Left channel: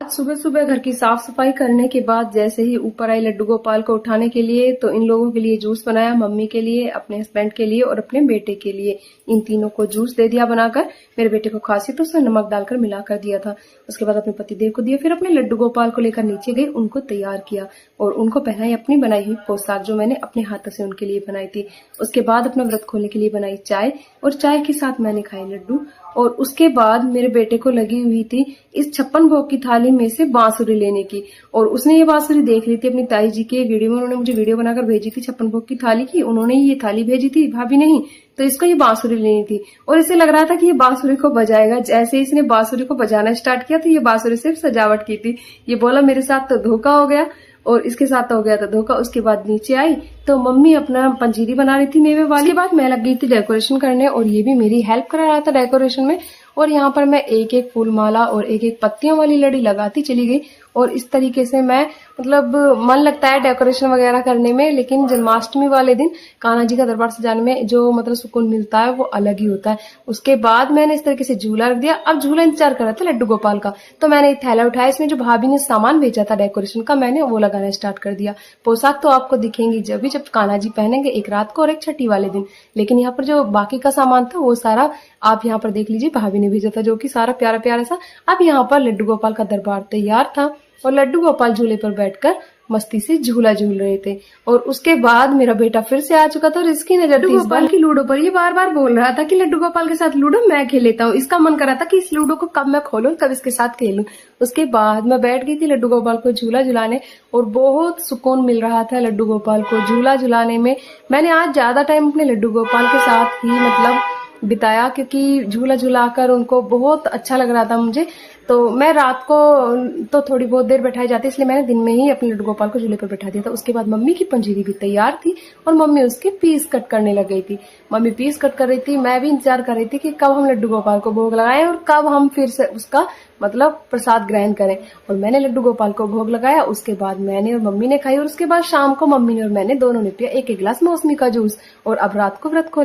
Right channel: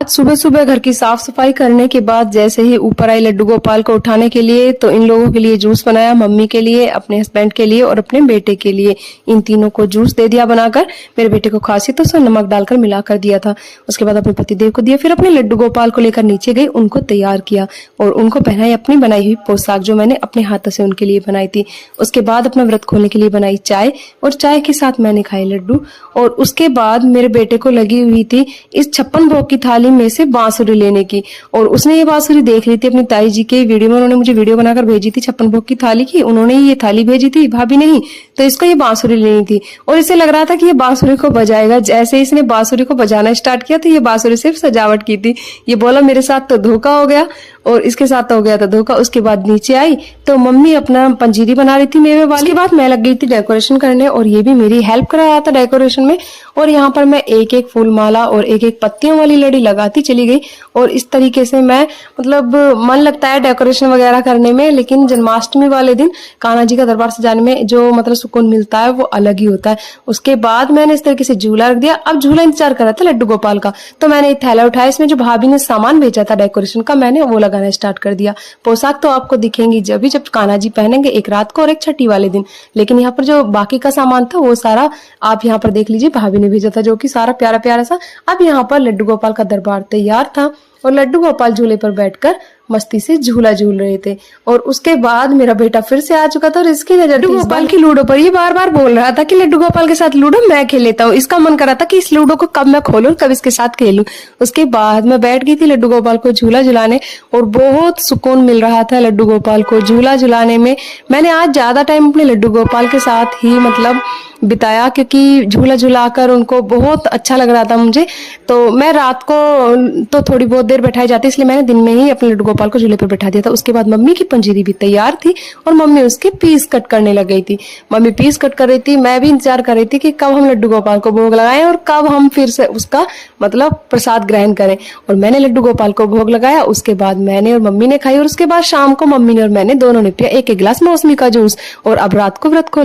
आज सुबह सुबह घर की साफ सफाई करने के बाद जैसे ही ऊपर आई लड्डू गोपाल को उठाने के लिए, तो इन लोगों के लिए जूस बनाया, मम्मी के लिए, अपने हस्बैंड के लिए और अपने बेटे के लिए। इन तीनों को जूस दे दिया बनाकर। मेरे बेटे को खांसी तो उसमें नमक डालकर मिलाकर दिया था। उसके बाद अपने पतिदेव को दिया, फिर अपने लड्डू गोपाल को लेकर नीचे गई, उनको तैयार किया और उनको पहनाई अपनी बनाई हुई पोशाक जो मैंने अपने हाथों से उनके लिए बनाई थी। उसके बाद अपना व्रत खोलने के लिए बनाई चाय और चाय के साथ मैंने खाए लड्डू। और उसके बाद मेरे बेटे को लगी हुई थी इस 56 भोग की थाली में से बांसुरी लेने की, और उसने ये बांसुरी देख ली थी अपनी ताई जी के वीडियो में। उन्होंने मुझे वीडियो बनाकर भेजी थी 56 भोग की थाली की, उन्होंने ये थाली भेजी थी भाभी ने ही, तो इसको ये बांसुरी लेनी थी और इसे लग रहा था कि ये बांसुरी को बजाएगा। जैसे इसने बांसुरी को बजाना स्टार्ट किया तो ये बांसुरी सिर्फ सजावट की थी। ये बोला मेरे साथ तो धोखा हो गया और इसके साथ हो गया था धोखा। उसके बाद नीचे आई तो मम्मी अपना पंजीरी बना रही थी मेवे वाली। उसके बाद मैं लग गई थी डेकोरेशन करने और ये भी मेरी हेल्प कर रहा था डेकोरेशन में। और यहाँ पर मैं एक एक फूल माला और एक एक पत्तियों वाली लड़ी लगाती चली गई। और इस तरीके से मैं मतलब मन लगता है डेकोरेशन वगैरह करने में, लेकिन जन्माष्टमी वाले दिन कान्हा जी का दरबार सजाने में जो मतलब सुकून मिलता है वो अलग ही होता है। उसके बाद मैंने इस तरीके से झूला रख दिया। अब झूला इंतजार कर रहा था लड्डू गोपाल का, तो मैंने एक थैला उठाया, इसमें जो भाभी ने सामान भेजा था डेकोरेशन का मैंने वो लगाना स्टार्ट कर दिया। पोशाक तो आपको दिखेंगी जब कान्हा जी पहनेंगे, एक रात को और एक छठी वाले दिन। लेकिन यहाँ पर जो बाकी का सामान था वो सारा आप यहाँ पर देख लीजिए, भाभी ने भेजा था जो कि सारा प्यारा प्यारा सा। अब यहाँ पर लड्डू गोपाल का दरबार तैयार था और लड्डू गोपाल झूले पर बैठकर मस्ती से झूला झूल रहे थे। और उसके बाद मेरा बेटा फिर से आ चुका था और इसकी नजर लड्डू गोपाल की लूडो पर। ये बार बार बोल रहा था कि लड्डू गोपाल के साथ लूडो मैं खेल लेता हूँ। इसका मन कर रहा था कि इस लूडो को कब मैं खोलूं, कब इसके साथ खेलूं। उसके बाद मैं बैठ गई थी लड्डू गोपाल को झूला झुलाने और बहुत सुकून मिल रहा था लड्डू गोपाल को झूला झुलाने में। मैंने आज ज्यादा टाइम अपने लड्डू गोपाल के साथ ही मतलब बिताया, क्योंकि झूला झुलाकर उनको बहुत अच्छा लग रहा था मुझे। तो मैं रात को तो थोड़ी बहुत देर बैठाई जाती, इसलिए मैंने दिन में ही अपने लड्डू गोपाल को झूले पर बैठा दिया था। उसके बाद मम्मी की पंजीरी भी तैयार थी और मम्मी उसके पीस कट करने लग गई थी। मम्मी पीस कट कर रही थी, मैं भी इंतजार कर रही थी कि कब हम लड्डू गोपाल को भोग लगाएं और कब हम फिर से उसका मतलब प्रसाद ग्रहण करें। और मैंने लड्डू गोपाल को भोग लगाया, उसके बाद मैंने और मम्मी ने खाई और उसके बाद शाम को मम्मी ने और मैंने दोनों ने पिया एक एक गिलास मौसमी का जूस। और अब रात को व्रत खोला।